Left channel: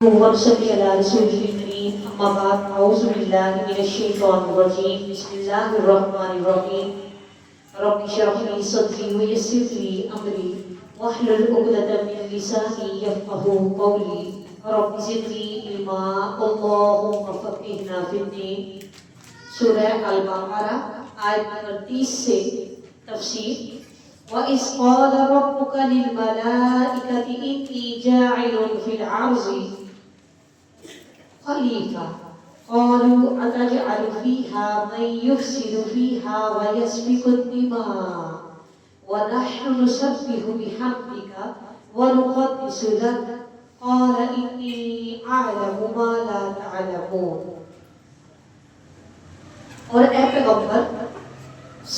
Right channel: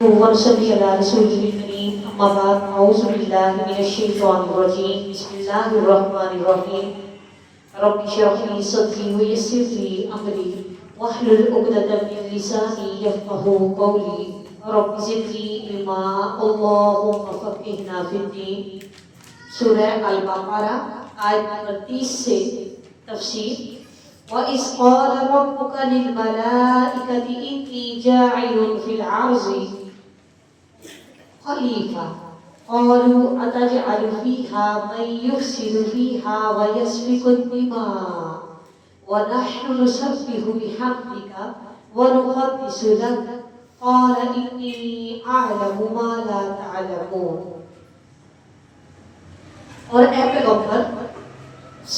ونصلي على رسوله الكريم أما بعد أعوذ بالله من الشيطان الرجيم بسم الله الرحمن الرحيم رب اشرح لي صدري ويسر لي أمري واحلل عقدة من لساني يفقهوا قولي رب زدني علما اللهم فقهنا في الدين. سورہ البقرہ آیت نمبر 30 سے تفسیر. وَإِذْ قَالَ رَبُّكَ لِلْمَلَائِكَةِ إِنِّي جَاعِلٌ فِي الْأَرْضِ خَلِيفَةً قَالُوا أَتَجْعَلُ فِيهَا مَن يُفْسِدُ فِيهَا وَيَسْفِكُ الدِّمَاءَ وَنَحْنُ نُسَبِّحُ بِحَمْدِكَ وَنُقَدِّسُ لَكَ قَالَ إِنِّي أَعْلَمُ مَا لَا تَعْلَمُونَ. اور اے پیغمبر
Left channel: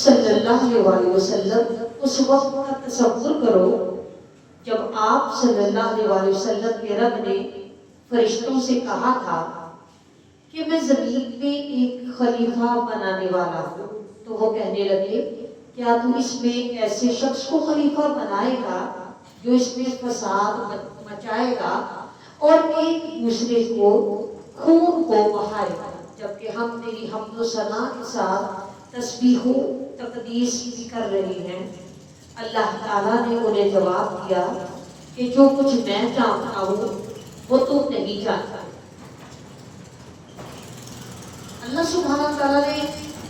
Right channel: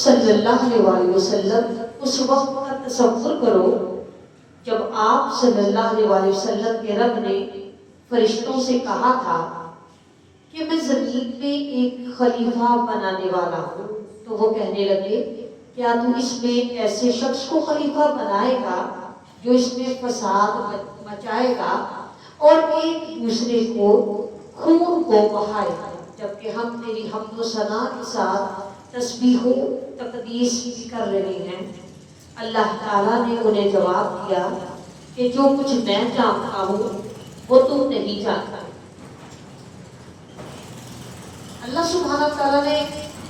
صلی اللہ علیہ وسلم اس وقت کا تصور کرو جب آپ صلی اللہ علیہ وسلم کے رب نے فرشتوں سے کہا تھا کہ میں زمین میں ایک خلیفہ بنانے والا ہوں. تو وہ کہنے لگے کیا تو اس میں ایسے شخص کو خلیفہ بنائے گا جو اس میں فساد مچائے گا اور ایک دوسرے کو خون کو بہائے گا، جبکہ ہم تیری حمد و ثنا کے ساتھ تسبیح و تقدیس بھی کر رہے ہیں. اللہ تعالیٰ نے انہیں جواب دیا کہ جو کچھ میں جانتا ہوں وہ تم نہیں جانتا. اللہ سبحانہ تعالیٰ نے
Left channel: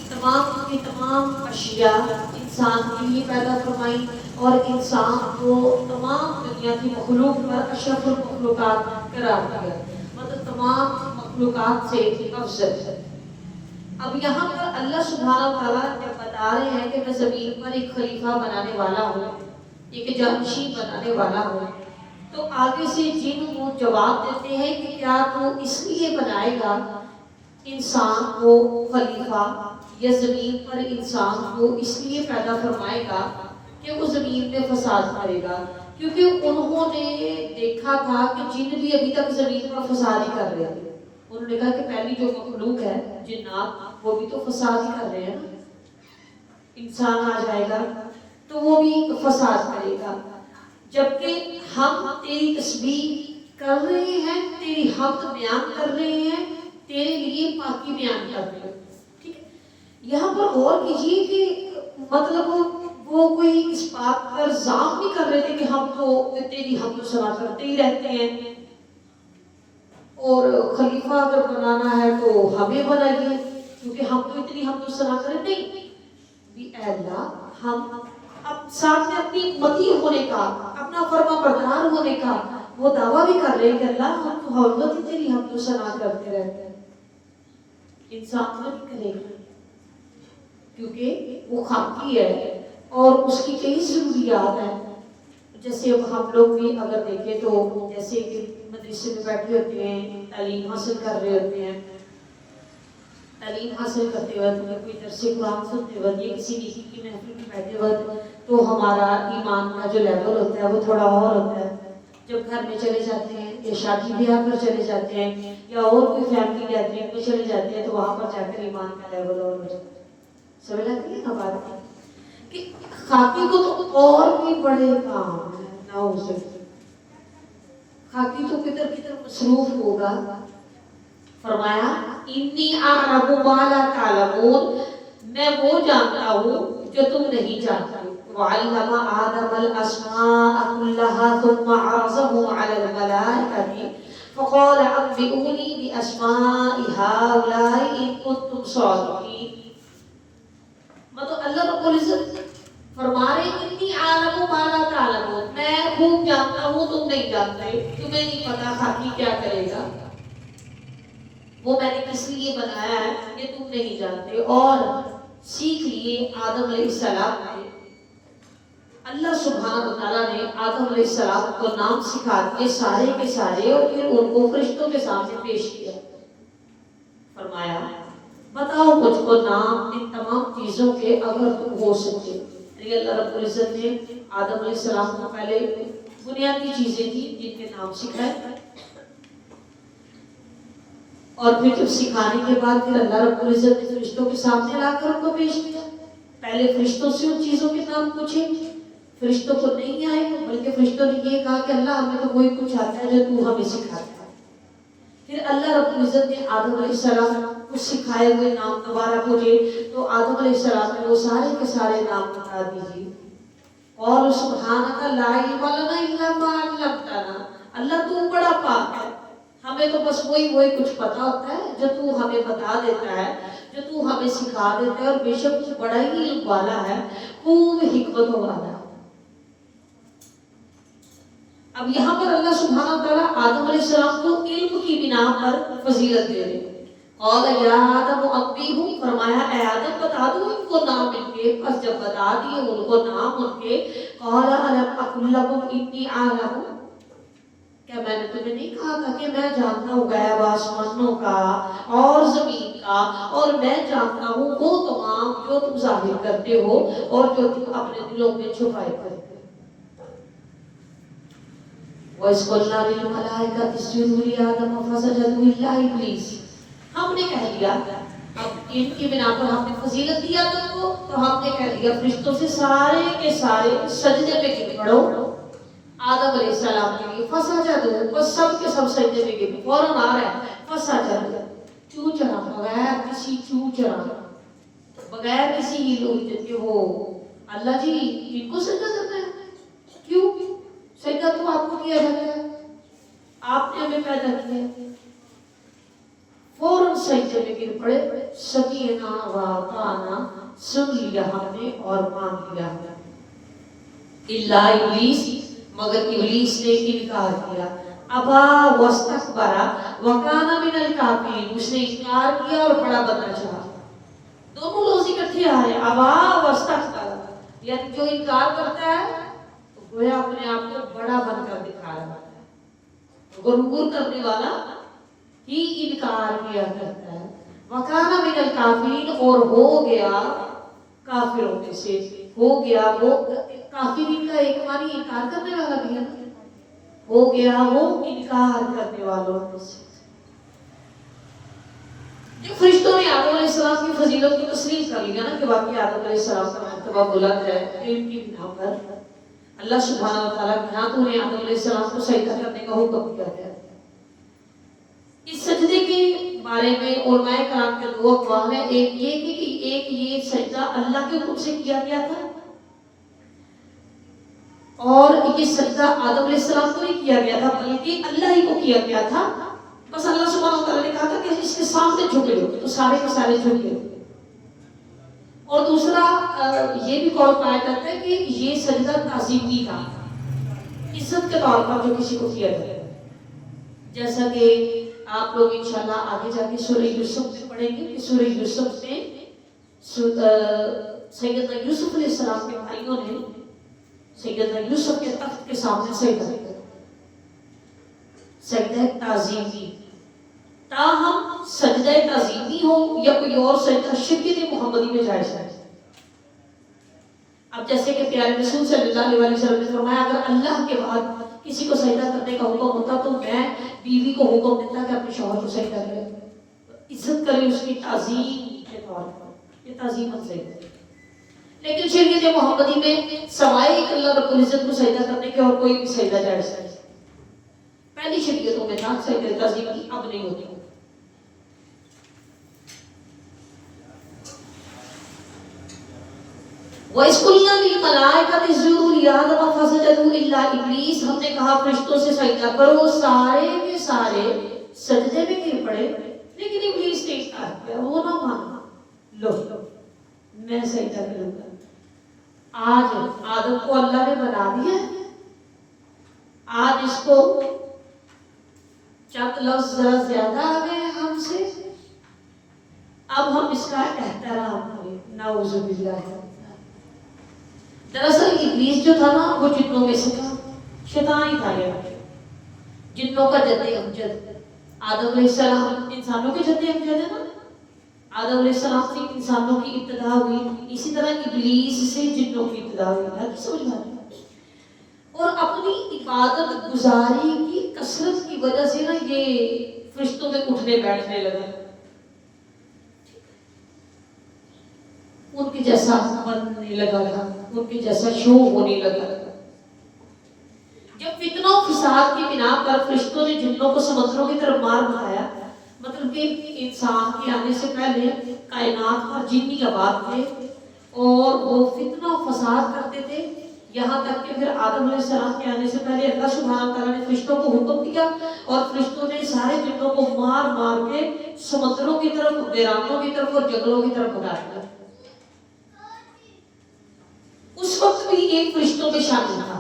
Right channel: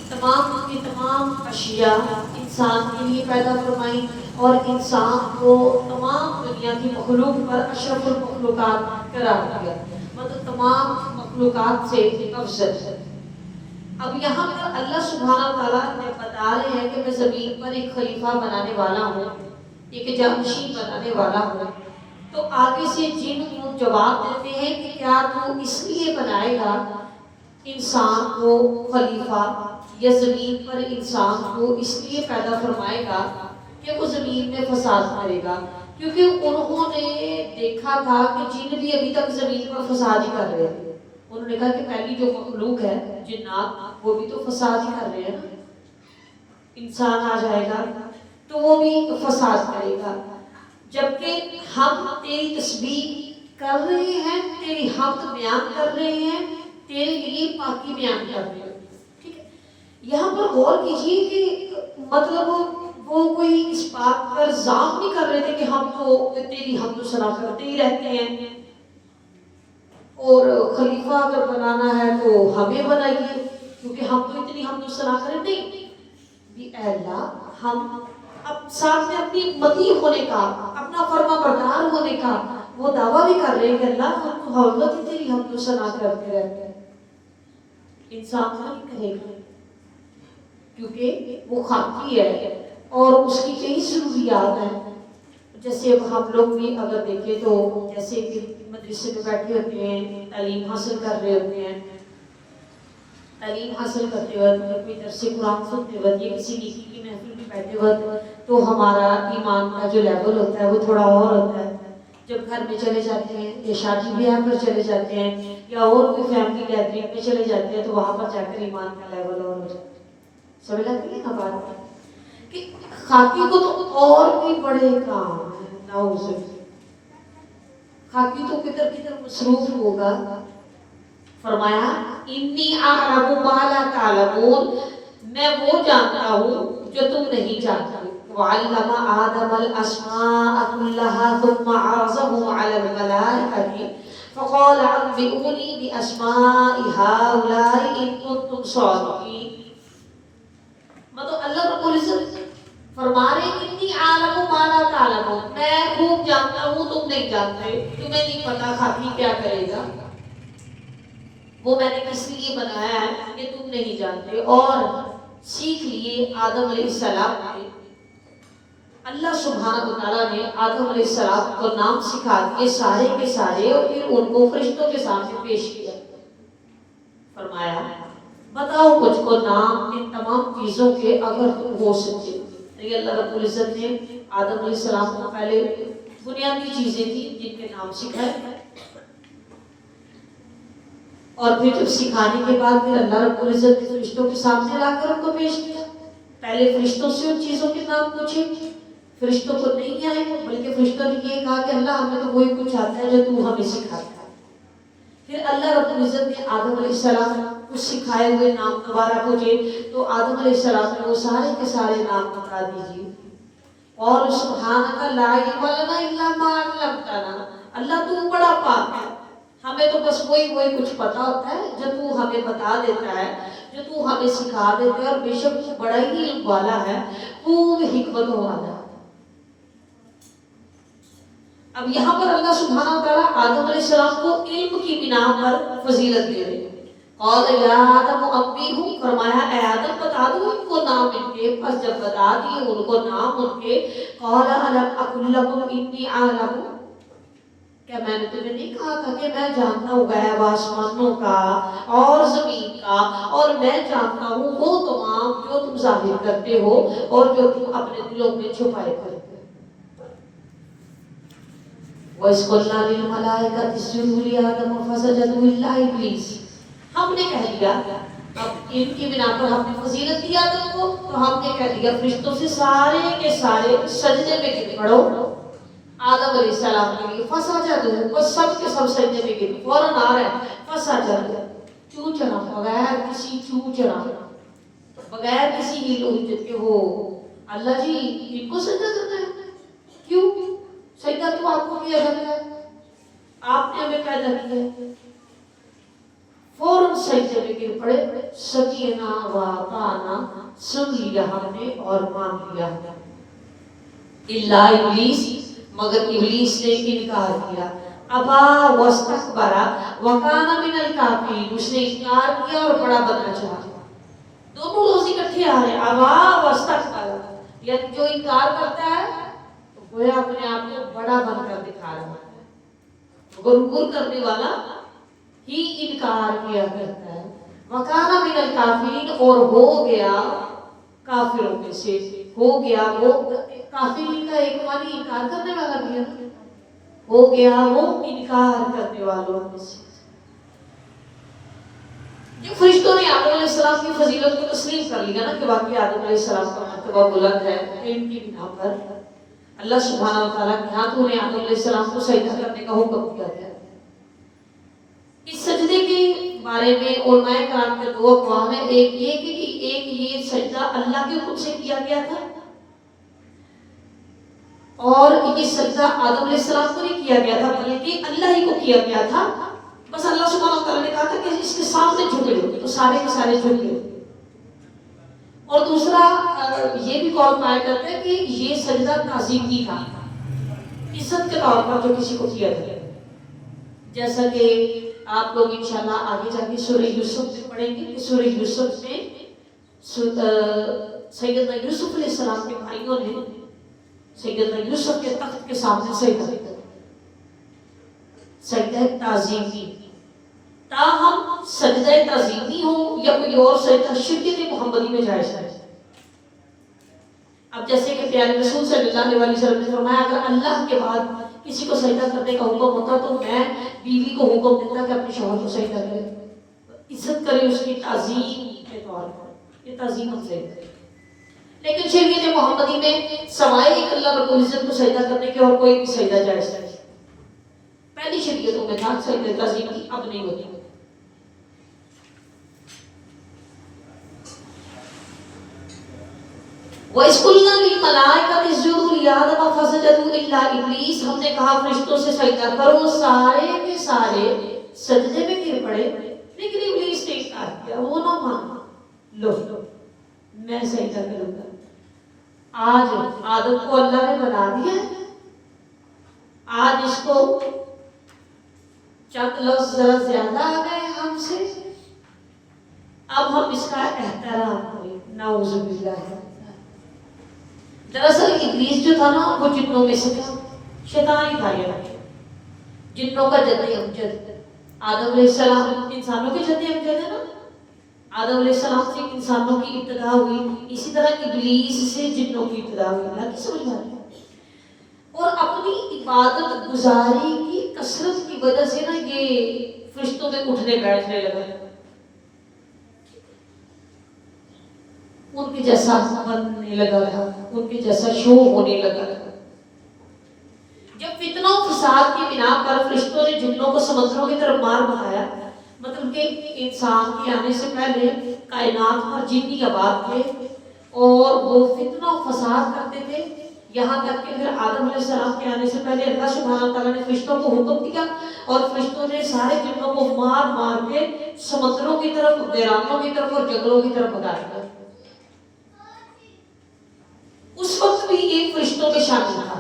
تمام کی تمام اشیاء انسان کے لیے پیدا فرمائی اور انسان کو تمام دنیا کی مخلوق پر اشرف المخلوقات قرار دیا، مطلب تمام مخلوقات سے افضل ہے. اب یہاں پر اللہ سبحانہ تعالیٰ جب بتا رہے ہیں کہ میں زمین پر ایک خلیفہ بنانے والا ہوں، ایک جانشین بنانے والا ہوں، تو آگے سے جن کو جواب دیتے ہیں کہ کیا تو اس لیے بنائے گا انسان کو خلیفہ، یا زمین پر انسان کو اس لیے پیدا فرمائے گا کہ وہ زمین میں فساد کرے گا. کیونکہ انہوں نے دیکھا تھا کہ جن بھی ابھی تک زمین پر فساد ہی کر رہے ہیں. انہوں نے کہا کہ پہلی جو مخلوق ہے جنات وہ بھی تو فساد ہی کر رہے ہیں نا. انسان آ جائے گا تو وہ بھی فساد کرے گا، جبکہ ہم تیری تسبیح کر رہے ہیں، تیری حمد بیان کر رہے ہیں، تیرے لیے پاکی بیان کر رہے ہیں. ٹھیک ہے، یہاں پر غور کیجیے کہ مطلب وہ کوئی اس بات پر زام نہیں کر رہے تھے کہ ہم تو تیری حمد و ثنا کرتے ہی رہتے ہیں اور خلیفہ اگر بنانا ہے تو ہمیں بنائیے کیونکہ ہم تو اتنی حمد و ثنا کریں. نہیں بھی اے اللہ، ہم اب سامنے اپنی مطیع ہونے کا، اپنا فرما بردار ہونے کا وہ دعویٰ بھی کر رہے ہیں کہ اللہ ہم تو ہر وقت تیری حمد و ثنا کرتے رہتے ہیں. انسان نہیں کرے گا کیونکہ وہ خاکی ہے اور اس کی کئی ضروریات ہیں. جیسے اب ہم لوگ بھی اگر دیکھیں تو جیسے کہ مدرسے میں بیٹھے ہوتے ہیں، تعلیم حاصل کر رہے ہوتے ہیں، تعلیم حاصل کرتے وقت یا کوئی درس قرآن سنتے وقت یا کسی نیکی کی محفل میں بیٹھے وقت تو ہمارا ایمان کا جو لیول ہوتا ہے وہ تھوڑا اور ہوتا ہے. جب گھر میں چلے جاتے ہیں یا شادی بیاہ پر چلے جاتے ہیں یا اور کوئی فیملی گیدرنگ میں چلے جاتے ہیں تو وہاں پر جا کر ایمان کا لیول اور ہو جاتا ہے. سمجھ لگتی ہے نا بات کہ خاکی کو تو اور بھی بڑے کام ہے. نعوذ خاکی تو کدھر مصروف ہوگا. فرمایا انی اعلم ما لا تعلمون، میں وہ جانتا ہوں جو تم نہیں جانتے. وعلم آدم الاسماء كلها ثم عرضهم على الملائكة فقال انبئوني باسماء هؤلاء ان كنتم صادقين. مطلب اللہ رب العزت فرما رہے ہیں انی اعلم ما لا تعلمون، میں خوب جانتا ہوں تم نہیں جانتے، تمہیں نہیں پتا خاکی کیا کرے گا، وہ میں نے کس لیے بنایا ہے کہ تم نہیں جانتے. اور سیکھ لیے آدم علیہ السلام نے، اللہ سبحانہ وتعالیٰ نے آدم علیہ السلام کو نام سکھا کے سارے کے سارے اور پھر ان کو فرشتوں کے سامنے پیش کیا. فرمایا بتاؤ مجھ کو نام ان تمام چیزوں کے اگر تم ہو سکتے. اللہ رب العزت نے آدم علیہ السلام کو پہلے بنیادی چیزیں تھیں جن کے نام سکھائے، اور پھر جب سکھانے کے بعد پھر اللہ رب العزت نے فرشتوں کے سامنے لا کر ان کو پیش کیا. پہلے فرشتوں سے ان چیزوں کے نام پوچھے، فرشتوں کو نہیں آئے بلکہ فرشتوں نے یہ کہا کہ اللہ ہمیں تو وہی کچھ آتا ہے جو تو ہمیں سکھاتا ہے. پھر اللہ رب العزت نے آدم علیہ السلام کو سکھائے ہوئے نام دوبارہ پوچھے تو آدم علیہ السلام نے وہ سارے کے سارے نام بتا دیجیے. اور سبحانک لا علم لنا الا ما علمتنا، اللہ تو بڑا پاک ہے، ہمیں تو بس وہی کچھ پتا ہوتا ہے جو تو ہمیں بتا دیتا ہے، جو تو ہمیں سکھا دیتا ہے، اور بے شک تو بڑا ہی علم والا ہے، خوب حکمت والا ہے. اب یہاں پر اللہ سبحانہ وتعالیٰ آدم علیہ السلام کو علم کی بنا پر فضیلت دے رہے ہیں. قال یا آدم انبئہم، فرمایا اے آدم بتا دو ان کو نام ان کے. پس جب بتا دیے ان کو نام ان کے، قال الم اقل لکم انی اعلم، کیا میں نے تمہیں نہیں کہا تھا کہ میں جانتا ہوں غیب آسمانوں کا اور زمین کا، اور میں جانتا ہوں وہ تمام جو تم ظاہر کرتے ہو اور جو تم اپنے دلوں میں چھپائے کرتے ہو. وَإِذْ قُلْنَا لِلْمَلَائِكَةِ اسْجُدُوا لِآدَمَ فَسَجَدُوا إِلَّا إِبْلِيسَ، ہم نے کہہ دیا، اب ان کی بنا پر ہم نے فضیلت دی آدم کو، تو ہم نے کہہ دیا فرشتوں سے سارے کے سارے سجدے میں گر پڑو آدم علیہ السلام کے لیے. فسجدوا، بس سب کے سب سجدے میں گر، فوراً آ رہا ہے فسجدوا، چو چرا، بغیر کسی چو چرا، بغیر کسی ہیلو کے وہ اللہ جی ان کو سجدہ کرنا ہے. کیوں؟ سجدہ تو آپ کو کیا جاتا ہے، آپ نے ہمیں پیدا کیا ہے. فوراً سجدے میں گر پڑے، سکینہ و اطعنا، سن لیا ہم نے اور مان لیا. الا ابلیس، مگر ابلیس نے انکار کیا. ابا واستکبر وکان من الکافرین، اس نے انکار کیا اور بڑا بننا چاہا. دونوں لفظ اکٹھے آ رہے ہیں، ابا واستکبر، یعنی جو انکار کرتا ہے گویا اپنے آپ کو بڑا بن کر دکھا رہا ہے، غرور کرنے والا ہی انکار کیا کرتا ہے. وکانا من الکافرین، اور ہو گیا کافروں میں سے، ہو گیا وہ کافرین کا ایک معنی انکار کرنے والا بھی ہے، ہو گیا وہ انکار کرنے والوں میں سے. جو فرشتوں نے آدم علیہ السلام کی فضیلت کو تسلیم کر لیا نا کہ واقعی آدم علیہ السلام کا مرتبہ بلند ہے، علم کی بنا پر اللہ سبحانہ وتعالیٰ کے ہاتھوں نے آدم علیہ السلام کو سجدہ کرنے کا حکم دیا ہے. اس سجدے کے بارے میں علماء کرام کے دو اقوال ہیں. ایک یہ کہ ایک یہ سجدہ اللہ کے حکم سے کیا گیا تھا، اور یہ سجدہ آدم علیہ السلام کو نہیں کیا گیا تھا بلکہ اللہ ہی کو کیا گیا تھا. بس اللہ سبحانہ وتعالیٰ نے کہا تھا کہ اس کے سامنے جھکے ہو، تو سارے کے سارے جھکے. اور دوسرا یہ بھی قول پایا جاتا ہے کہ یہ سجدہ تعظیمی تھا، عزت کے طور پر جو کسی کو کیا جائے. جیسا کہ آپ لوگ انشاءاللہ آگے جا کے سورہ یوسف میں پڑھیں گے کہ سورہ یوسف میں سیدنا یوسف علیہ السلام کے بھائیوں نے سیدنا یوسف کے تخت کے سامنے سجدہ کیا، سجدہ تعظیمی. تاہم سجدہ تعظیمی ہو یا کوئی اور سجدہ شریعت محمدی میں جائز ہے. اب جیسے کہ پیارے رسول صلی اللہ علیہ وسلم نے فرمایا اگر اللہ کے بعد کسی کو سجدہ کرنے کا حکم ہوتا تو میں بیوی کو حکم دیتا کہ اپنے شوہر کو سجدہ کرے، عزت کرے اس کی تعظیم کے طور پر، یہ تعظیم سے. لیکن شریعت محمدی میں سوائے ایک اللہ رب العزت کو سجدہ کرنے کے اور کوئی بھی سجدہ جائز ہے. پہلی شریعتوں میں تھا سجدہ تعظیم کی، اب نہیں ہوتی. وَإِذْ قُلْنَا لِلْمَلَائِكَةِ اسْجُدُوا لِآدَمَ فَسَجَدُوا إِلَّا إِبْلِيسَ، ہم نے کہا فرشتوں سے سجدہ کرو، سارے کے سارے سجدے میں گر پڑے، لیکن ابلیس نے انکار کیا، وہ نہ مانا. لو میں سجدہ کروں گا. آج آدم کو اللہ نے بنا دیا ہے، آج اس کو چند لفظ ذرا زیادہ آ گئے ہم سے، اب ہم اس کا احترام کریں. نعوذ باللہ. دراصل ابلیس جو تھا نا وہ جنوں میں سے تھا، شیطان ہی تھا. یہ جنوں کا جد امجد، آدم علیہ السلام انسانوں کے جد امجد ہے نا. آدم علیہ السلام سے انسانوں کی ابتدا ہوئی، اسی طرح ابلیس سے جنوں کی ابتدا ہوئی. اللہ کی سمجھ میں آتی. اور اپنی عبادت گزاری کی کثرت کی وجہ سے نا یہ فرشتوں میں اٹھنے بیٹھنے لگا، ان کے جیسا بننے لگا تھا، ان کے جیسا شو ہونے لگا تھا. جب فتنہ و فساد کی بنا پر فرشتوں نے جنوں کو سمندروں کی طرف مار بھگایا. مطلب کہ انسان کے آنے سے پہلے کائنات پر جن آباد تھے اور وہ فتنہ و فساد کرتے تھے. یہاں تک کہ پھر آدم علیہ السلام کے آنے سے پہلے اللہ سبحانہ تعالیٰ نے فرشتوں کو حکم دیا اور فرشتوں نے سارے جنوں کو مار مار کے سمندروں کی طرف، ویرانوں کی طرف اور جنگلوں کی طرف بھگا دیا. اس وقت بھی ایک فرشتوں میں شامل تھا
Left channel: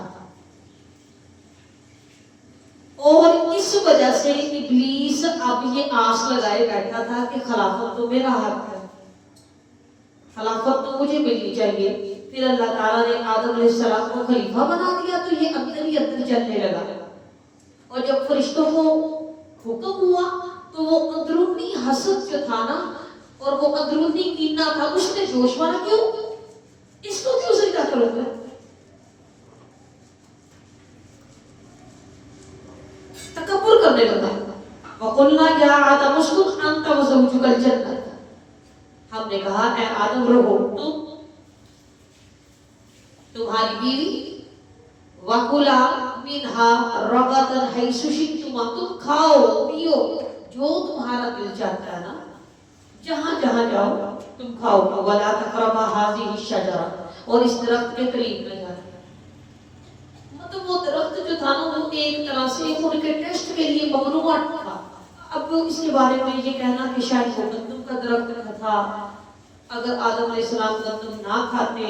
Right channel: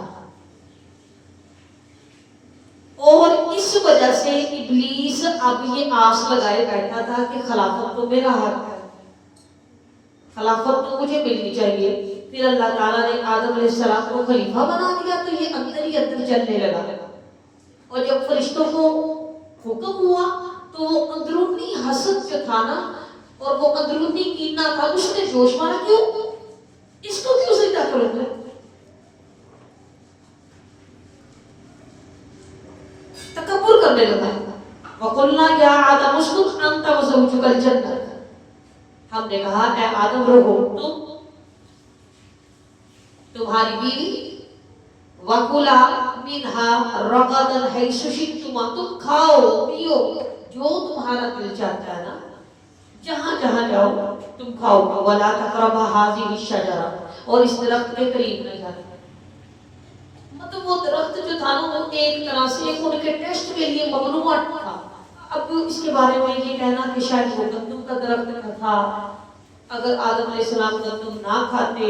اور اس وجہ سے ابلیس اب یہ آس لگائے بیٹھا تھا کہ خلافت تو میرا حق ہے، خلافت تو مجھے ملنی چاہیے. پھر اللہ تعالیٰ نے آدم علیہ السلام کو خلیفہ بنا دیا تو یہ اندر ہی اندر چلنے لگا. اور جب فرشتوں کو حکم ہوا تو وہ اندرونی حسد جو تھا نا اور وہ اندرونی کینہ تھا، اس نے جوش مارا، کیوں اس کو کیوں سجدہ کرو گے؟ تکبر کرنے لگا. وَقُلْنَا يَا آدَمُ اسْكُنْ أَنْتَ وَزَوْجُكَ الْجَنَّةَ، ہم نے کہا اے آدم رہو تمہاری بیوی، وَكُلَا مِنْهَا رَغَدًا حَيْثُ شِئْتُمَا، تم کھاؤ پیو جو تمہارا دل چاہتا ہے نا، جہاں جہاں جاؤ تم کھاؤ. وَلَا تَقْرَبَا هَٰذِهِ الشَّجَرَةَ، اور اس درخت کے قریب نہ جانا. مطلب وہ درخت جو تھا نا وہ ایک طرح سے ان کے ٹیسٹ کے لیے ممنوع تھا. اب اس کے بارے میں یہ کہنا کہ شاید وہ گندم کا درخت تھا، اگر آدم علیہ السلام گندم نہ کھاتے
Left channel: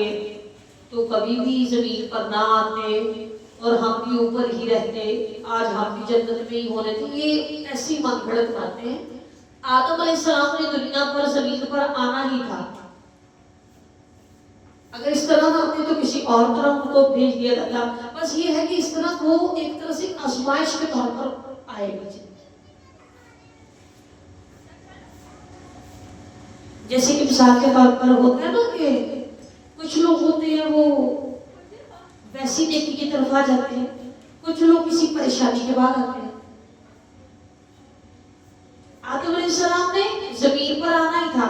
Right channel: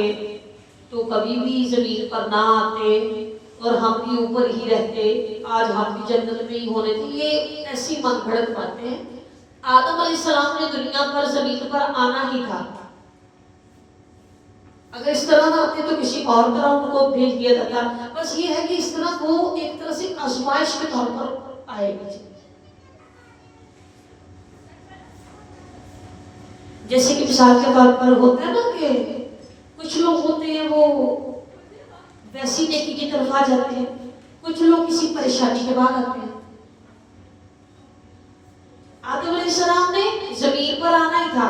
تو کبھی بھی زمین پر نہ آتے اور ہم بھی اوپر ہی رہتے، آج ہم بھی جنت میں ہی ہونے تھے. یہ ایسی من گھڑت باتیں ہیں. آدم علیہ السلام نے دنیا پر زمین پر آنا ہی تھا، اگر اس طرح نہ آتے تو کسی اور طرح ان کو بھیج دیا جاتا. بس یہ ہے کہ اس طرح وہ ایک طرح سے آزمائش کے طور پر آئے گا. جیسے کہ مثال کے طور پر ہوتا ہے نا کہ کچھ لوگ ہوتے ہیں وہ ویسی نیکی کی طرف آ جاتے ہیں، کچھ لوگ کسی پریشانی کے بعد آتے ہیں. آدم علیہ السلام نے زمین پر آنا ہی تھا،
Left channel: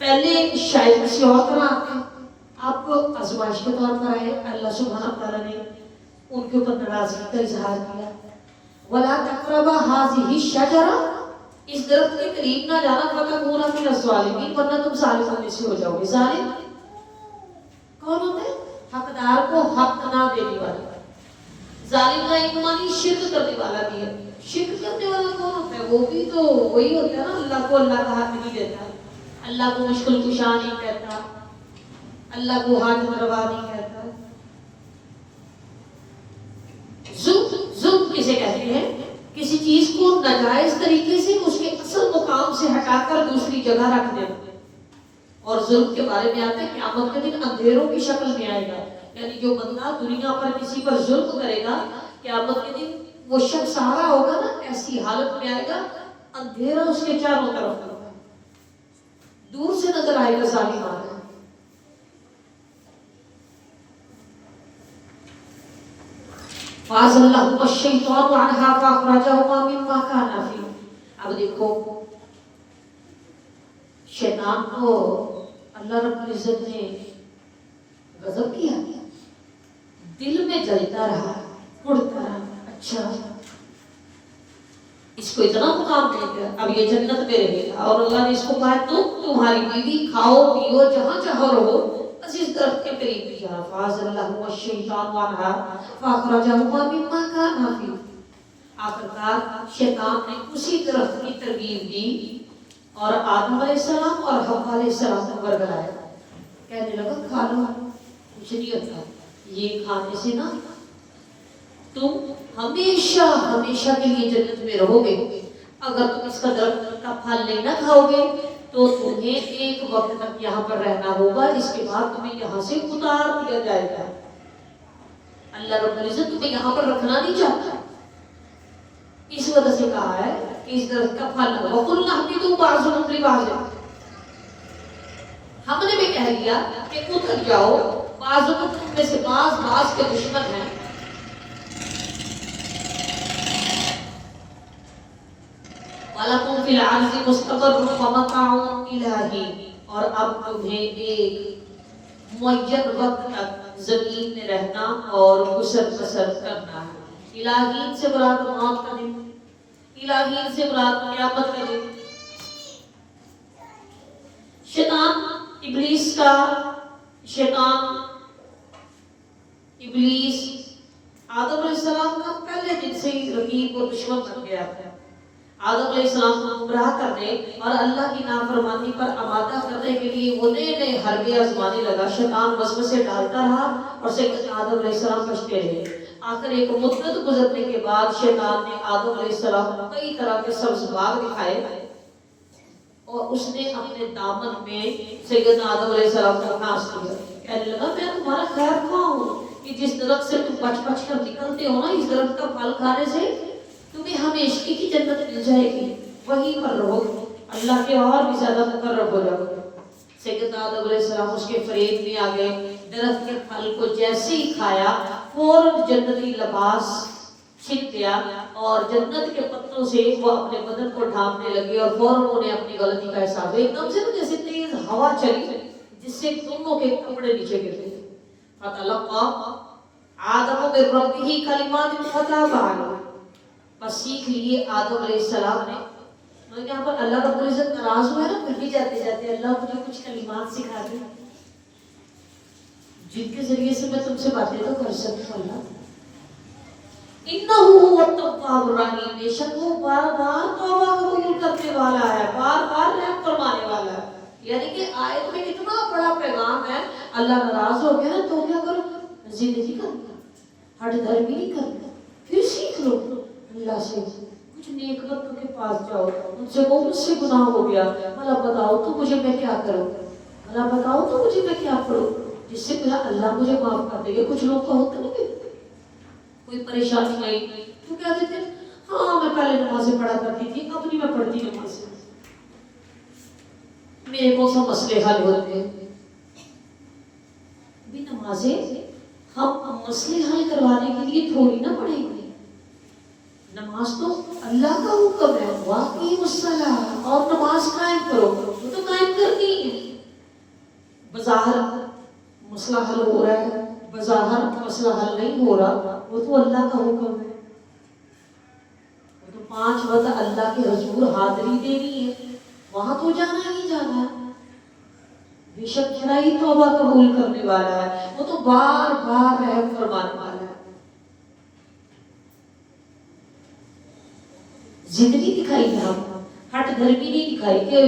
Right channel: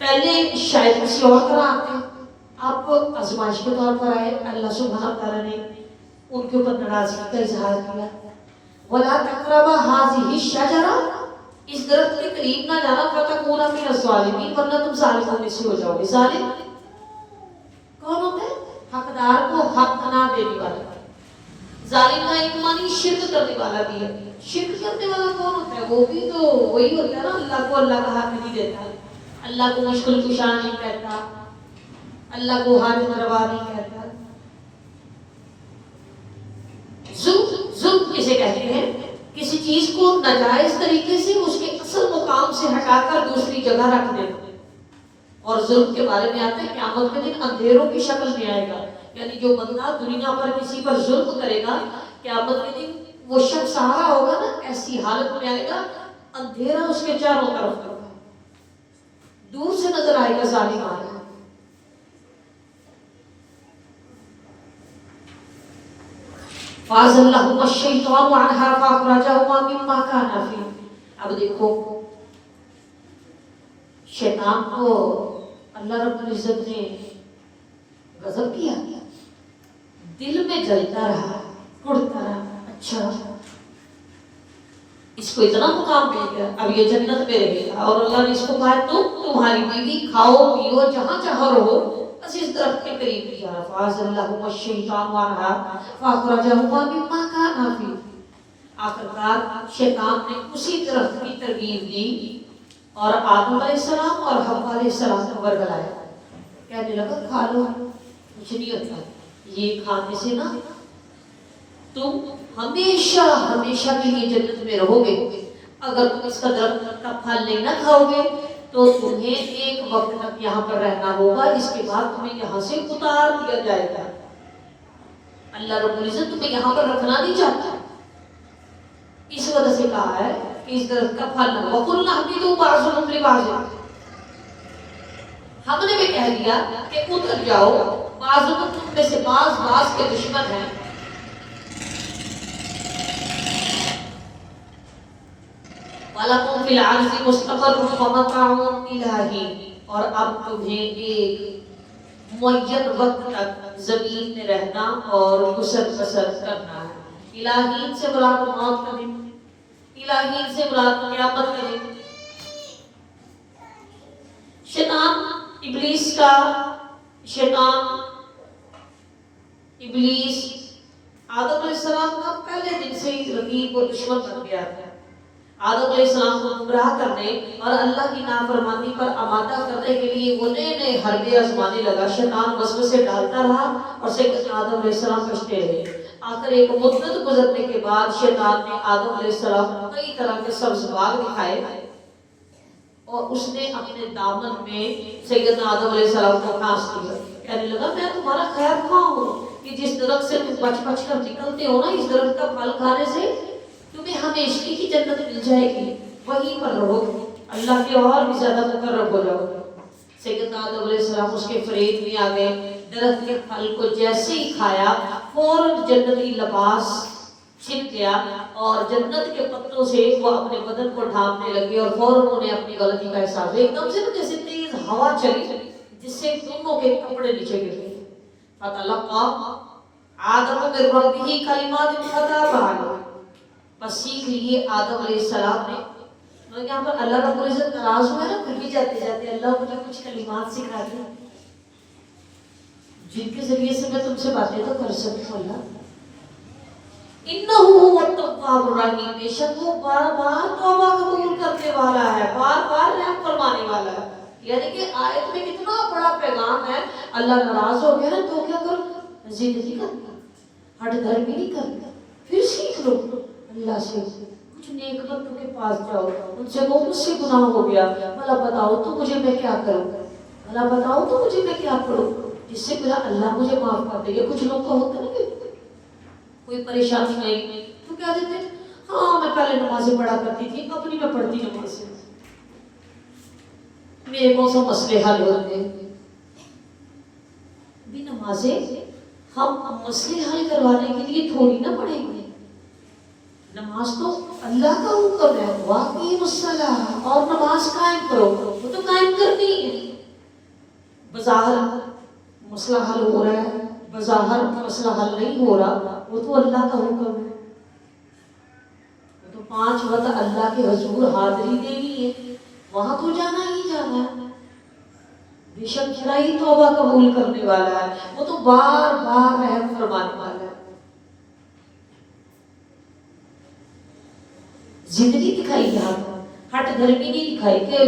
پہلے شاید کسی اور طرح آتے ہیں، آپ آزمائش کے طور پر آئے. اللہ سبحانہ تعالیٰ نے ان کے اوپر ناراضگی کا اظہار کیا. وَلَا تَقْرَبَا هَٰذِهِ الشَّجَرَةَ، اس درخت کے قریب نہ جانا، فَتَكُونَا مِنَ الظَّالِمِينَ، ورنہ تم ظالموں میں سے ہو جاؤ گے. ظالم کون ہوتے ہیں؟ حقدار کو حق نہ دینے والا. ظالم کا ایک معنی شرک کرنے والا بھی ہے. شرک کرنے والا کون ہوتا ہے؟ وہ بھی تو وہی ہوتا ہے نا اللہ کو اللہ کا حق نہیں دیتا، اللہ کو مشکل کشا نہیں کہتا، اللہ کو حاجت روا نہیں کہتا. ظلم کسے کہتے ہیں؟ کسی چیز کو ناجائز طریقے سے اس کے اصل مقام سے ہٹا کر دوسری جگہ رکھ دینا. اور ظلم کے بارے میں آتا ہے قیامت کے دن اندھیروں کی شکل میں آئے گا. یعنی جو بندہ دنیا پر کسی پر ظلم کرے گا، قیامت کے دن وہ شخص سہارا ہوگا نا، ایسی حالت میں آئے گا اندھیرا اس کے چاروں طرف ہوگا، دور سے نظر آئے گا ظالم آ رہا ہے. فَأَزَلَّهُمَا الشَّيْطَانُ عَنْهَا فَأَخْرَجَهُمَا مِمَّا كَانَا فِيهِ. اب دیکھو شیطان کو اللہ رب العزت نے غضب کیا، دل میں جلتا رہا، اڑتا رہا. اچھا اس کو اتنا مقام مل گیا، اب یہ جنت میں رہے گا. اور اللہ نے اس کو کہا تمہاری بیوی کھاؤ پیو جہاں چاہو رہو، بس اس درخت کے قریب نہیں جانا. فَأَزَلَّهُمَا الشَّيْطَانُ عَنْهَا فَأَخْرَجَهُمَا مِمَّا كَانَا فِيهِ. آخرکار شیطان نے اسی درخت کی ترغیب دی اور آدم علیہ السلام اور حوا علیہ السلام کو ورگلایا. کہنے لگا کھا لو، کچھ نہیں ہوتا، یہ کھانے سے نا تم ہمیشہ ہمیشہ کے لیے جنت میں رہو گے. اگر تم اس کا درخت کا پھل نہیں نہ کھاؤ گے تو تمہیں ایک وقت تک یہاں پر رہنا ہوگا، جس کے بعد تمہیں یہاں سے اتار دیا جائے گا. اللہ رب العزت تمہیں یہاں پر رکھنا نہیں چاہتا، اس وجہ سے کہا ہے کہ اس درخت کا پھل نہ. وَقُلْنَا اهْبِطُوا بَعْضُكُمْ لِبَعْضٍ، ہم نے بھی کہہ دیا کہ اتر جاؤ، بعضوں تم میں سے بعض کے دشمن ہیں. وَلَكُمْ فِي الْأَرْضِ مُسْتَقَرٌّ وَمَتَاعٌ إِلَىٰ حِينٍ، اور اب تمہیں ایک معین وقت تک زمین میں رہنا اور گزر بسر کرنا ہے۔ الہین سے مراد موت کا دن، الہین سے مراد قیامت کا دن۔ شیطان ابلیس آدم علیہ السلام کا پہلے دن سے ہی رقیب اور دشمن بن گیا تھا۔ آدم علیہ السلام کو گمراہ کرنے اور اللہ کی نافرمانی پر آمادہ کرنے کے لیے وہ نئے حربے آزمانے لگا۔ شیطان وسوسے ڈالتا رہا اور سیدنا آدم علیہ السلام بچتے رہے۔ آخر ایک مدت گزرنے کے بعد شیطان نے آدم علیہ السلام کو کئی طرح کے سبز باغ دکھائے اور اس نے اپنے دامن میں سیدنا آدم علیہ السلام کو پھانس دیا۔ کہنے لگا میں تمہارا خیر خواہ ہوں کہ جس درخت سے تم بچ بچ کر نکلتے ہو نا، اس درخت کا پھل کھانے سے تمہیں ہمیشگی کی جنت مل جائے گی، وہیں پر رہو، اللہ کے اور بھی زیادہ مقرب ہو جاؤ۔ سیدنا آدم علیہ السلام اس کے فریب میں آ گئے۔ درخت کے پھل کو جیسے ہی کھایا فوراً جنتی لباس چھن گیا اور جنت کے پتوں سے وہ اپنے بدن کو ڈھانپنے لگے اور فوراً انہیں اپنی غلطی کا احساس ایک دم سے جیسے تیز ہوا چلی جس سے دونوں کے کپڑے نیچے گر گئے۔ فتلقى آدم من ربه کلمات فتاب علیہ، پس سیکھ لیے آدم علیہ السلام نے۔ اور یہاں پر اللہ رب العزت ناراض ہوئے نا، کہیں جاتے جاتے اللہ مجھے کچھ کلمات سکھا دے جن کے ذریعے سے میں تم سے باتیں تو کر سکوں۔ اللہ انہو هو التواب الرحیم، بے شک وہ بار بار توبہ قبول کرنے والا ہے، بار بار رحم فرمانے والا ہے۔ یعنی کہ آیت میں کتنا بڑا پیغام ہے۔ اللہ ناراض ہو گیا نا تو کیا کرو، زندگی کرنا، ہٹ دھرمی نہیں کرنا، پھر سیکھ لو اللہ سے، کچھ نیک بندوں کے پاس جاؤ، ان سے وہ مجھ سے گناہ ہو گیا، بھلا بتاؤ تو مجھے میں کیا کروں، بھلا بتاؤ تو مجھے میں کیا کروں جس سے پھر اللہ مجھے معاف کر دے گا۔ کچھ لوگ کا ہوتا ہے نا کوئی پریشانی آئی تو کیا دیتے ہیں، ہاں میں پہلے نمازیں پڑھا کرتی تھی اب نہیں میں پڑھتی نمازیں، میرے کون سا مسئلے حل ہوتے ہیں۔ بھی نمازیں ہم مسئلے حل کروانے کے لیے تھوڑی نہ پڑھیں گے، نماز تو اللہ کا حکم ہے، واقعی الصلاۃ، اور نماز قائم کرو، وہ تو قائم کرنی ہے۔ بظاہر مسئلہ حل ہو رہا ہے، بظاہر مسئلہ حل نہیں ہو رہا، وہ تو اللہ کا حکم ہے، وہ تو 5 وقت اللہ کے حضور حاضری دینی ہے، وہاں تو جانا ہی جانا ہے۔ بے شک کیا ہی توبہ قبول کرنے والا ہے، وہ تو بار بار رحم فرمانے والا ہے۔ زندگی دکھائی یہاں پر، ہٹ دھرمی نہیں دکھائی کہ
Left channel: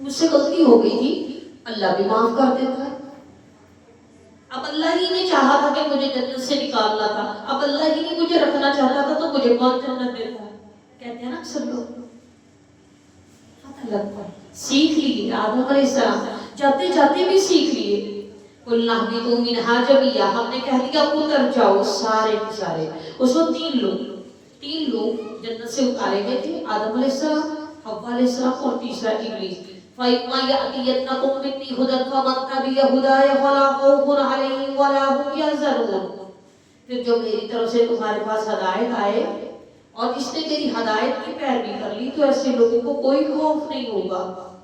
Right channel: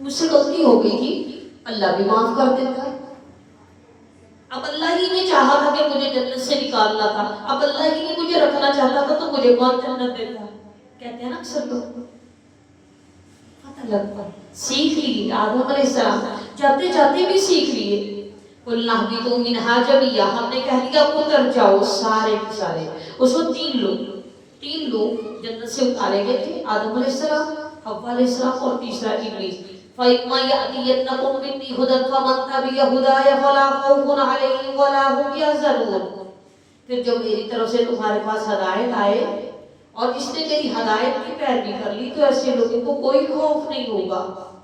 مجھ سے غلطی ہو گئی تھی، اللہ بھی معاف کر دیتا ہے۔ اب اللہ ہی نے چاہا تھا کہ مجھے جنت سے نکالنا تھا، اب اللہ ہی نے مجھے رکھنا چاہتا تھا تو مجھے کون جنت دیتا ہے؟ کہتے ہیں نا اکثر لوگ، پتہ لگتا ہے۔ سیکھ لیے آدم علیہ السلام جاتے جاتے بھی سیکھ لیے۔ قُلْنَا اهْبِطُوا مِنْهَا جَمِيعًا، ہم نے کہہ دیا اتر جاؤ سارے کے سارے۔ اس وقت 3 لوگ جنت سے اتارے گئے تھے، آدم علیہ السلام، حوا علیہ السلام اور تیسرا ابلیس۔ فَإِمَّا يَأْتِيَنَّكُم مِّنِّي هُدًى فَمَن تَبِعَ هُدَايَ فَلَا خَوْفٌ عَلَيْهِمْ وَلَا هُمْ يَحْزَنُونَ۔ پھر جو میری طرف سے تمہارے پاس ہدایت آئے اور جس نے میری ہدایت کی پیروی کر لی تو ایسے لوگوں کو کوئی خوف نہیں ہوگا،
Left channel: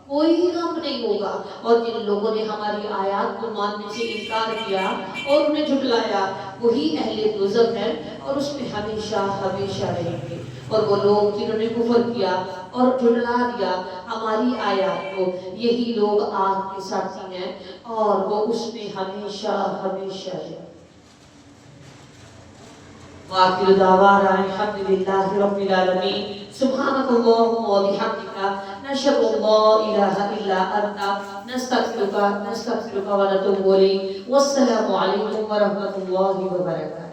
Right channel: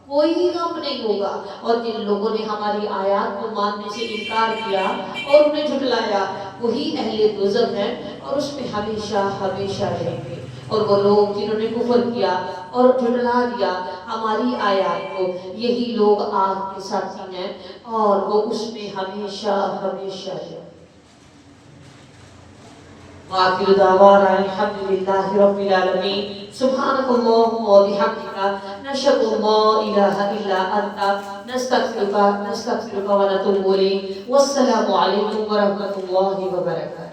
کوئی غم نہیں ہوگا۔ اور جن لوگوں نے ہماری آیات کو ماننے سے انکار کیا اور انہیں جھٹلایا وہی اہل دوزخ ہیں اور اس میں ہمیشہ ہمیشہ رہیں گے۔ اور وہ لوگ جنہوں نے کفر کیا اور جھٹلا دیا ہماری آیات کو، یہی لوگ آگ کے ساتھی ہیں اور وہ اس میں ہمیشہ ہمیشہ رہیں گے۔ وآخر دعوانا الحمد للہ رب العالمین۔ سبحانک اللہم و بحمدک، نشہد ان لا الہ الا انت، نستغفرک و نتوب الیک۔ والسلام علیکم ورحمۃ اللہ وبرکاتہ۔